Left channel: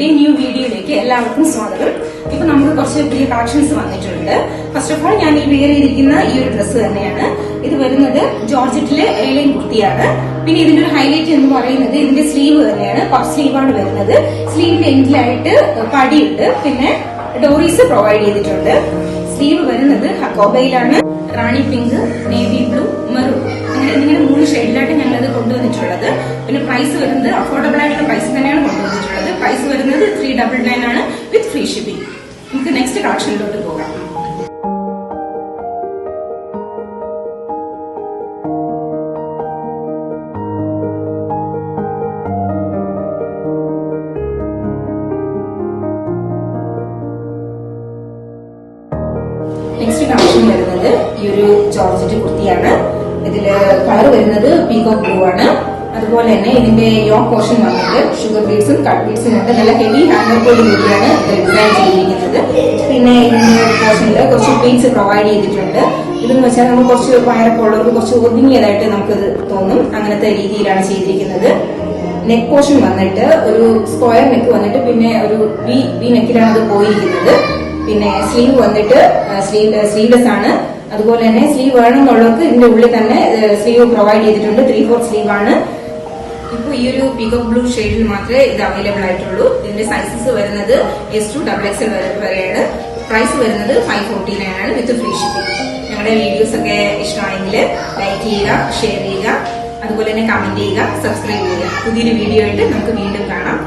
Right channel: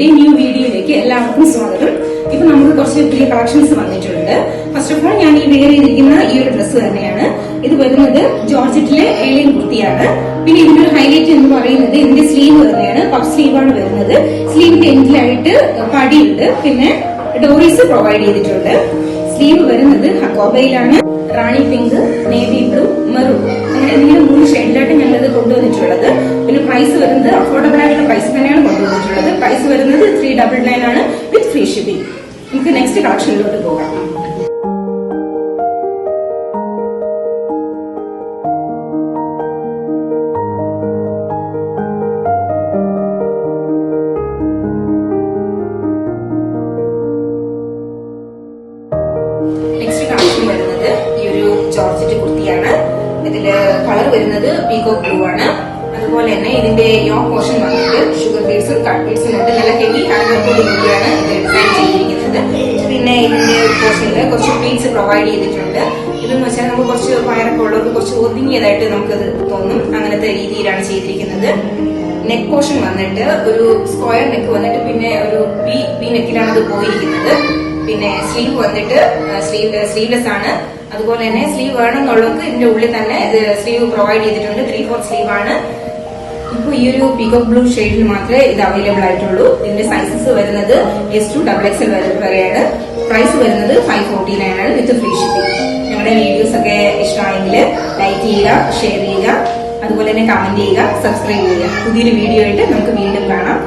ചാനലിന്റെ ന്യൂ വീഡിയോയിലേക്ക് എല്ലാവർക്കും സ്വാഗതം. ഇപ്പൊ നമ്മൾ കുറച്ച് പുതിയ കളക്ഷൻസ് വന്നിട്ടുണ്ട്. ഫസ്റ്റ് ഓഫ് ഓൾ ഞാൻ ഈ വെയർ ചെയ്തിരിക്കുന്ന ഈ ഒരു ഡ്രസ്സ് തന്നെയാണ്. ഇത് വരുന്നത് ജോർജറ്റിലെ ഏലിയൻ കുർത്തിയാണ്. പിന്നെ ഇതിന്റെ ഒരു ഹൈലൈറ്റ് എന്ന് പറയുന്നത് ഇതിന്റെ സ്ലീവ് തന്നെയാണ്. പഫ് സ്ലീവാണ് വരുന്നത്. സ്ലീവിന്റെ എൻഡിലായിട്ട് പടിയുണ്ട്. പിന്നെ ഡോറീസ് പ്രൊവൈഡ് ചെയ്തിട്ടുണ്ട്. സ്ലീവ് വരുന്നത് ഹക്കോബയിലാണ്. റാണി പിങ്ക്, നേവി ബ്ലൂ, മെറൂൺ അങ്ങനെ ഇതിന്റെ 3 ഷെയ്ഡിലായിട്ട് ഞങ്ങളത് കൊണ്ടുവന്നിട്ടുള്ളത്. പിന്നെ പ്രൈസ് വരുന്നത് അഫോർഡബിൾ ആയിട്ടുള്ള പ്രൈസ് തന്നെയാണ് കൊണ്ടുവന്നിട്ടുള്ളത്. പ്രൈസ് വരുന്നത് 399 ആണ് വിത്ത് ഫ്രീ ഷിപ്പിംഗ്. നമുക്ക് നെക്സ്റ്റ് കളക്ഷനിലോട്ട് പോകാം. നെക്സ്റ്റ് കളക്ഷൻ വരുന്നത് ഈ ഒരു ജോർജറ്റ് കുർത്തിയാണ്. ഇതിന്റെ കളർ വരുന്നത് പീകോക്ക് ബ്ലൂ ആണ്. അതുപോലെ തന്നെ ഇതിന്റെ യോക്ക് പോർഷൻ വന്നിട്ട് ഷുഗർ ബീഡ്സും കട്ട് ബീഡ്സും ഉണ്ട്. നല്ല ഹെവി ഹാൻഡ് വർക്കോട് കൂടിയാണ് ഇത് ഡിസൈൻ ചെയ്തിരിക്കുന്നത്. പിന്നെ ഇതിന്റെ പോർഷനിൽ കുറച്ച് ബീഡ്സ് പ്രൊവൈഡ് ചെയ്തിട്ടുണ്ട്. ഇതെന്ന് വെച്ചാൽ നമുക്ക് കുറച്ച് വയറൊക്കെ ഉള്ളവർക്ക് കുറച്ച് ഒതുങ്ങിയതായിട്ട് നമുക്കത് തോന്നും. അങ്ങനത്തെ രീതിയിലാണ് ചെയ്തിരിക്കുന്നത്. നെക്ക് പോർഷൻ വന്നിട്ട് ഒരു സ്ക്വയർ നെക്ക് വന്നിട്ട് പിന്നെ ഒരു വി നെക്കിലാണ് അത് പോയിരിക്കുന്നത്. പിന്നെ സ്ലീവ് വന്നിട്ട് സ്ലീവ്ലെസ് ആണ്. അതുപോലെ തന്നെ സ്ലീവ് വേണമെന്നുള്ളവർക്ക് ഇതിന്റെ ഉള്ളിൽ തന്നെ സ്ലീവ് പ്രൊവൈഡ് ചെയ്തിട്ടുണ്ട്. 3/4 സ്ലീവ് ആണ്. ഇപ്പൊ ഈ ഒരു പീകോക്ക് ബ്ലൂ ഷെയ്ഡിൽ മാത്രമേ ഇത് അവൈലബിൾ ആയിട്ടുള്ളൂ. ഇതിന്റെ സൈസസ് വരുന്നത് S to XXL വരെയാണ്. പ്രൈസ് വരുന്നത് 549 ആണ് വിത്ത് ഫ്രീ ഷിപ്പിംഗ്. ഞങ്ങളുടെ വീഡിയോസ് ഒക്കെ ഇഷ്ടമാണെങ്കിൽ ലൈക്ക് ചെയ്യുക, ഷെയർ ചെയ്യുക, അതുപോലെ തന്നെ കമന്റ് ചെയ്യുക, സബ്സ്ക്രൈബ് ചെയ്യുക. പുതിയൊരു വീഡിയോ ആയിട്ട് നമുക്ക് വീണ്ടും കാണാം.